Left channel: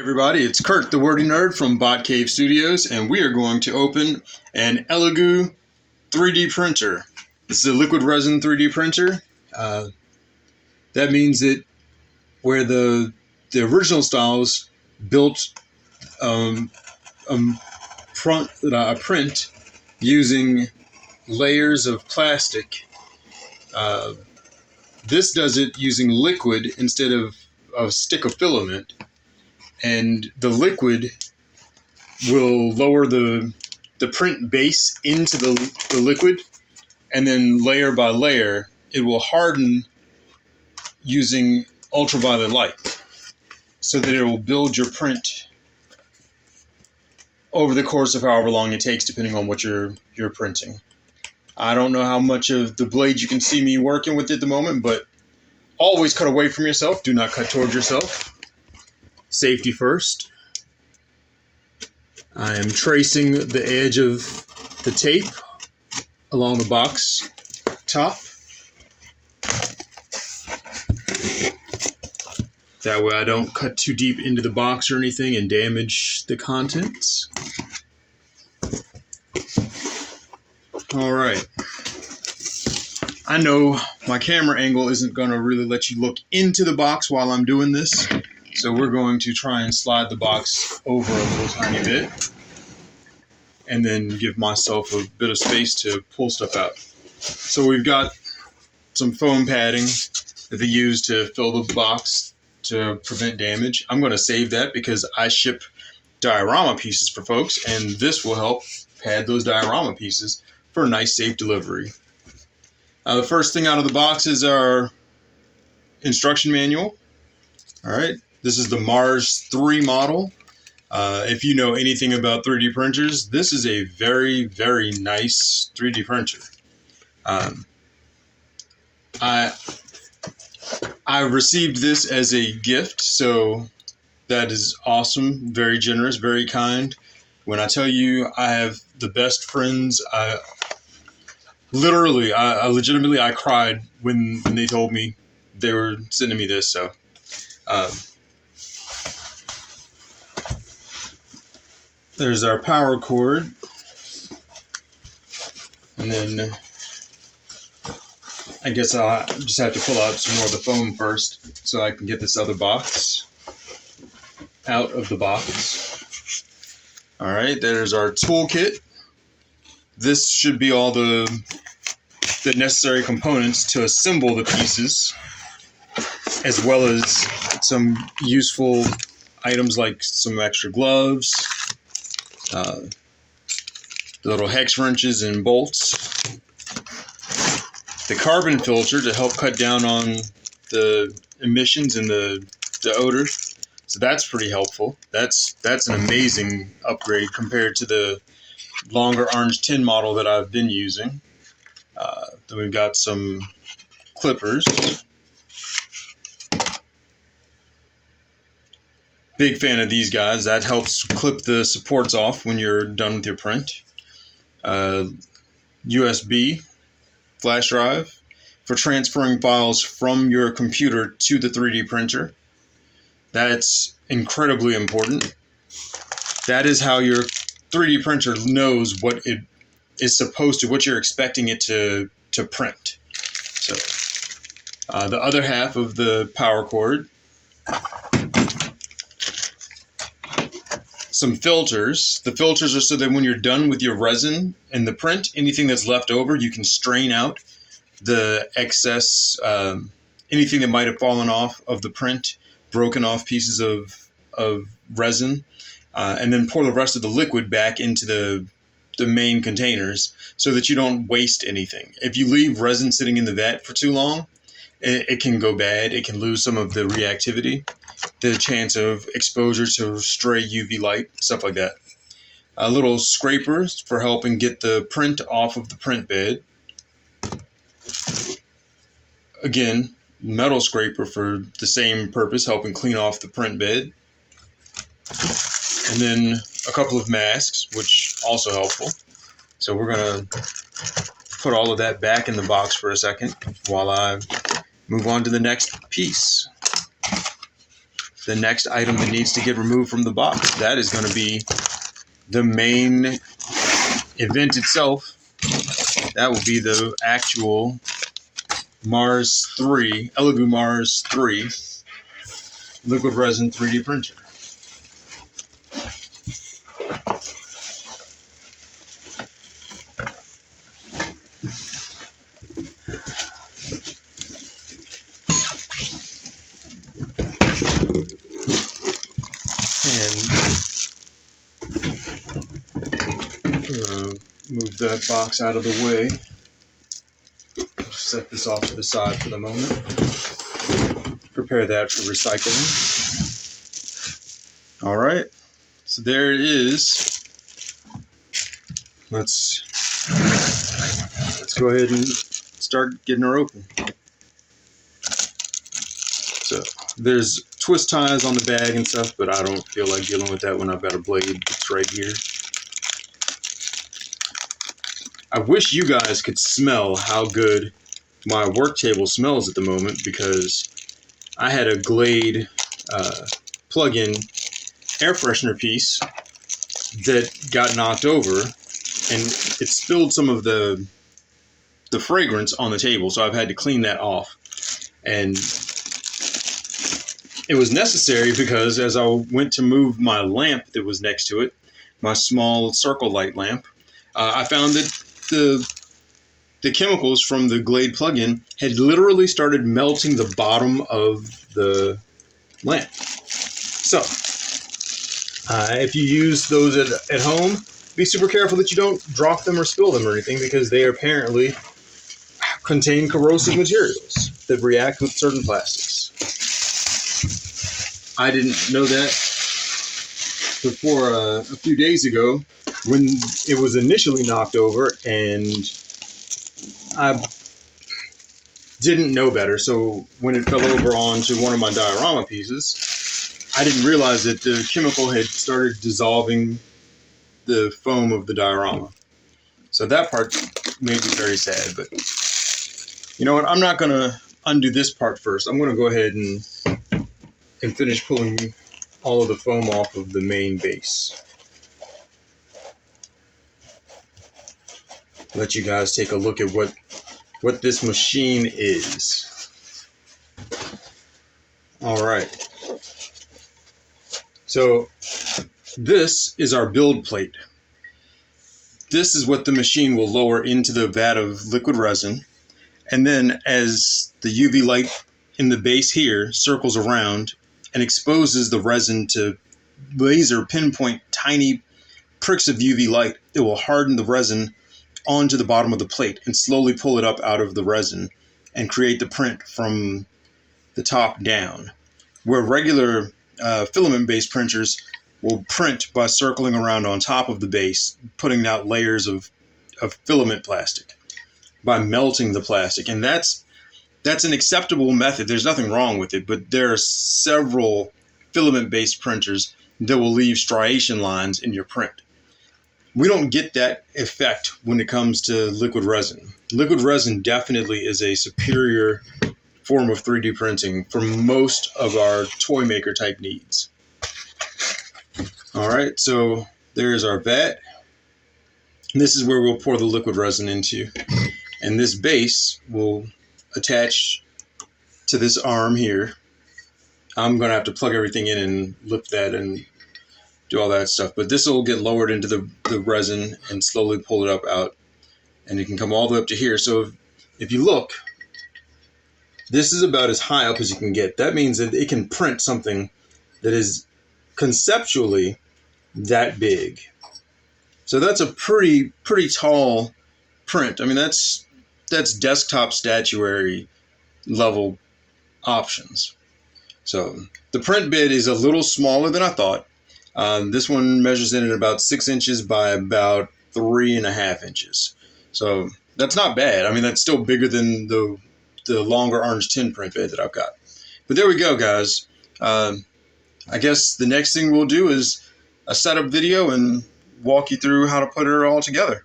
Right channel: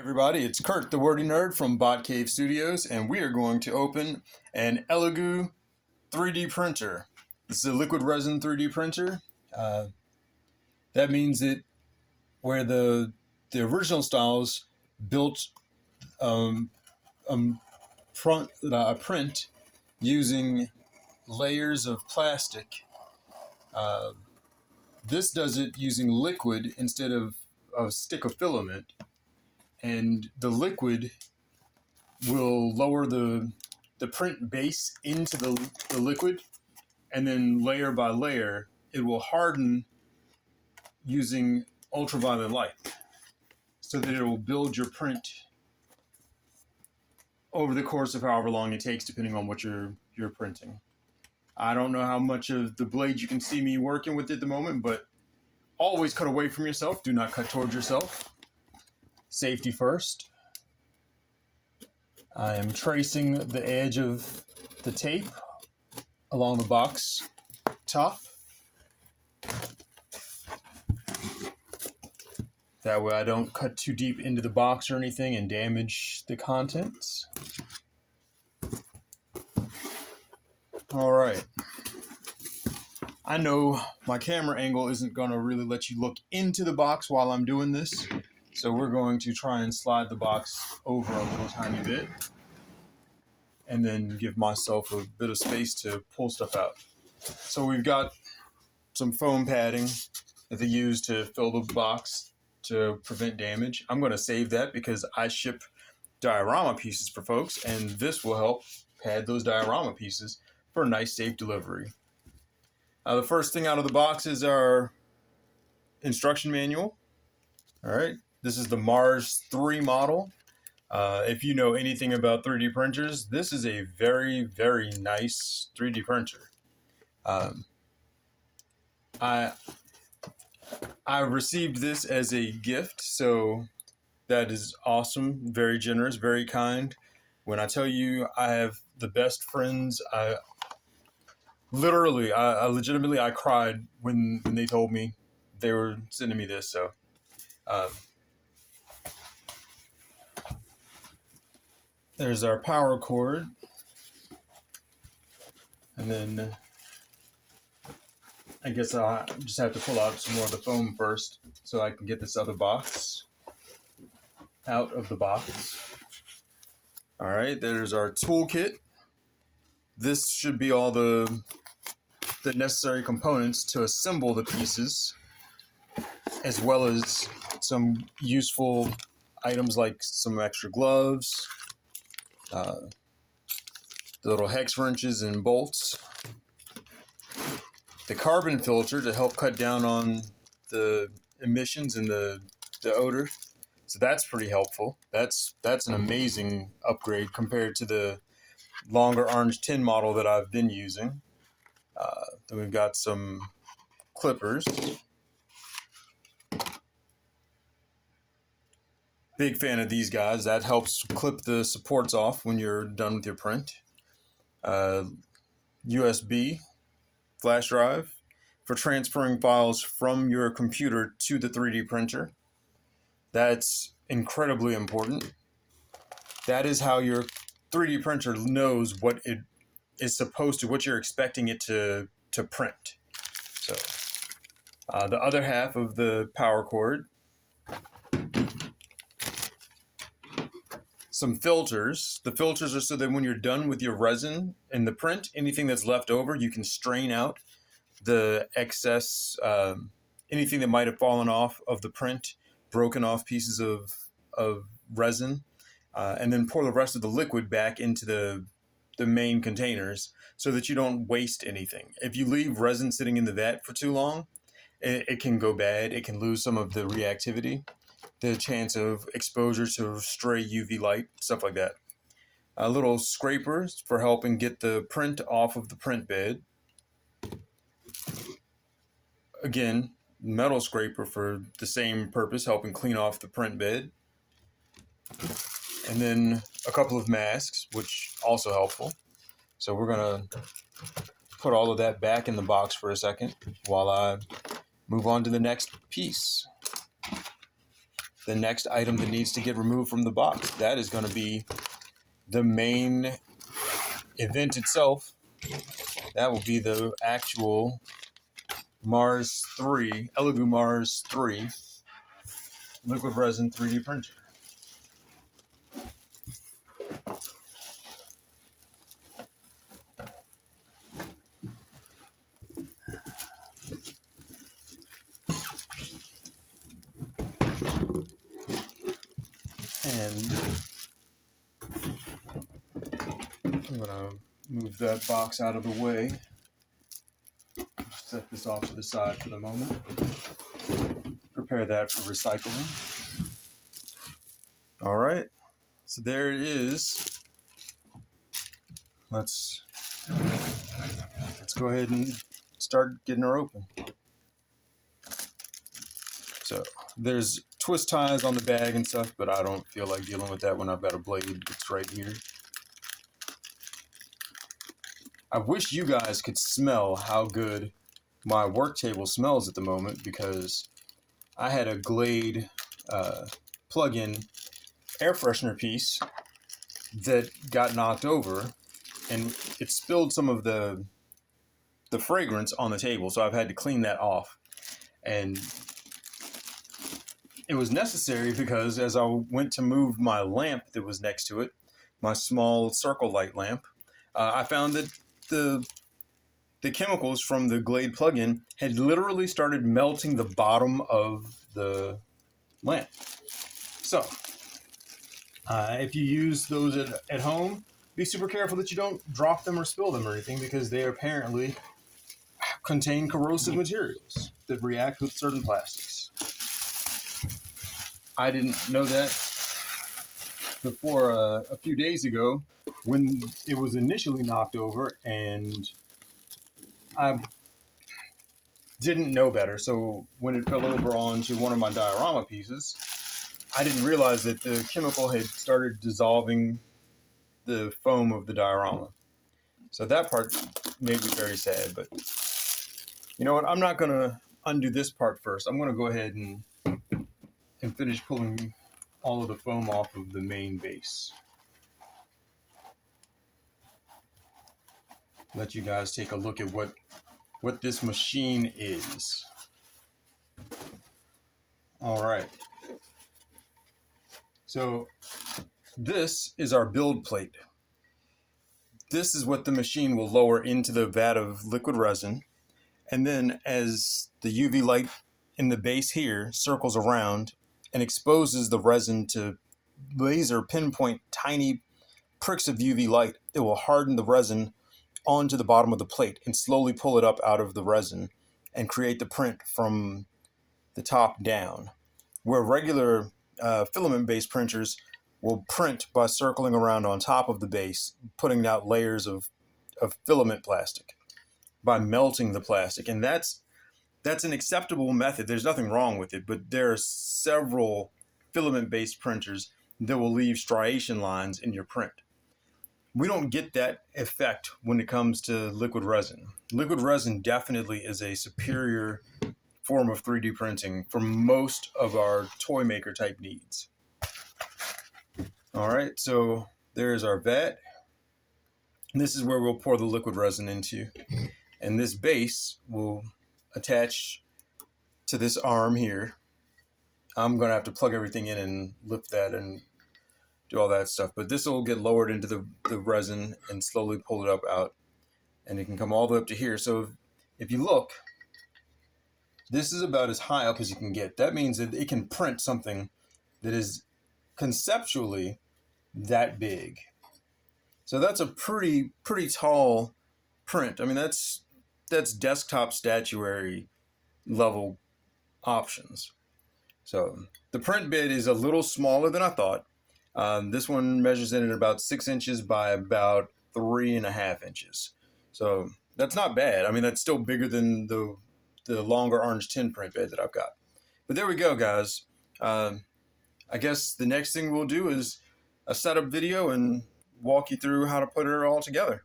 Everybody, it's Kurt, the wordy nerd from BotCaveStudios, and we are going to open an Elegoo 3D printer. This is a liquid resin 3D printer. That means that where the original styles built a print using layers of plastic, this does it using liquid instead of a stick of filament. And the liquid will lower the print base into the liquid, and then layer by layer, it will harden using ultraviolet light so that it will build your print over the course of however long it takes, depending on what you're printing. I don't know how much of the blade you can see me working with at the moment, but always cut away from yourself. Do not cut towards yourself. Safety first. I am tracing the edge of the tape along the box top. That way I don't cut too deep into the box or anything and damage the contents. All right. I know my camera angle isn't going to really let you look into the box while I'm doing this. So we're going to try and slide the box over a little tiny bit and then give myself a bit of space to pull stuff out. So we've got some foam padding that they use to fill the box to prevent damage. I'm going to save that because I ship diorama pieces for folks, and this will help pad those diorama pieces for a nice, safe delivery. The first thing out of the box is our instruction manual. All right. This is the Mars 3 model. If you know anything about 3D printers, this is a very, very nice 3D printer. I received this as a gift, so that is awesome, very generous, very kind. When I tell you I have the best friends, I legitimately cried when they told me they were sending me this, so... There's our power cord, and then I guess I'll just have to pull out some more of the foam first so I can get this other box out of the box. All right, there's our toolkit. This should be all the necessary components to assemble the pieces, as well as some useful items like some extra gloves, the little hex wrenches and bolts, the carbon filter to help cut down on the emissions and the odor. So that's pretty helpful. That's an amazing upgrade compared to the longer orange tin model that I've been using. Then we've got some clippers. Big fan of these guys. That helps clip the supports off when you're done with your print. USB flash drive for transferring files from your computer to the 3D printer. That's incredibly important. That is how your 3D printer knows what it is supposed to, what you're expecting it to print. So the other half of the power cord, some filters. The filters are so that when you're done with your resin and the print, anything that's left over, you can strain out the excess, anything that might have fallen off of the print, broken off pieces of resin, and then pour the rest of the liquid back into the main containers so that you don't waste anything. If you leave resin sitting in the vat for too long, it can go bad. It can lose some of the reactivity, the chance of exposure to stray UV light, stuff like that. Little scrapers for helping get the print off of the print bed. Again, metal scraper for the same purpose, helping clean off the print bed. And then a couple of masks, which also helpful. So we're going to put all of that back in the box for a second while I move on to the next piece. the next item that needs to get removed from the box. That is going to be the main event itself. That will be the actual Mars 3, Elegoo Mars 3 liquid resin 3D printer. And I'm going to move that box out of the way. Set this off to the side for the moment. Prepare that for recycling. All right, so there it is. Let's go ahead and start getting her open. So there's twist ties on the bag and stuff, but I don't feel like dealing with that when I've got a blade that's right here. I wish you guys could smell how good my work table smells at the moment, because I had a Glade plug-in air freshener piece that got knocked over, and it spilled some of the fragrance on the table, so I've had to clean that off. And it was necessary because as I went to move my lamp that was next to it, my small circle light lamp, I found that the chemicals from the Glade plug-in had literally started melting the bottom of the lamp. So, if you use those at home, be super careful that you don't drop them or spill them or anything, because they apparently contain corrosive materials that react with certain plastics. I didn't know that before a few days ago when it was initially knocked over, and I didn't know better. So when it fell over onto one of my diorama pieces, I didn't realize that the chemical had started dissolving the foam of the diorama. So that part made me very sad, but you know what? I'm not going to undo this part first. I'm going to go ahead and finish pulling all of the foam off of the main base. Let you guys take a look at what this machine is. All right. So this is our build plate. This is what the machine will lower into the vat of liquid resin. And then as the UV light in the base here circles around and exposes the resin to laser pinpoint tiny pricks of UV light, it will harden the resin onto the bottom of the plate and slowly pull it up out of the resin and create the print from the top down. Where regular filament-based printers will print by circling around on top of the base, putting out layers of filament plastic by melting the plastic. And that's an acceptable method. There's nothing wrong with it, but there are several filament-based printers that will leave striation lines in your print. We don't get that effect when it comes to liquid resin. Liquid resin definitely is a superior form of 3D printing for most of our toy maker type needs. All right, so there's our vat. This is where we'll pour the liquid resin into. And this base will attach to this arm here. I'm going to have to plug everything in and lift that and do all that stuff. But this will get lowered into the resin and slowly pull it up out. And it can come all the way up to here. So if you look, this is about as high up as you can get. That means that it can print something that is conceptually that big. So that's a pretty tall print. I mean, that's desktop statuary level options. So the print bit is a little smaller than I thought. This one measures in at about 6 inches by about 3.5 inches. So that's not bad. I mean, that's still bigger than the longer orange tin print bed that I've got. But there we go, guys. I guess the next thing we'll do is a setup video and walk you through how to put it all together.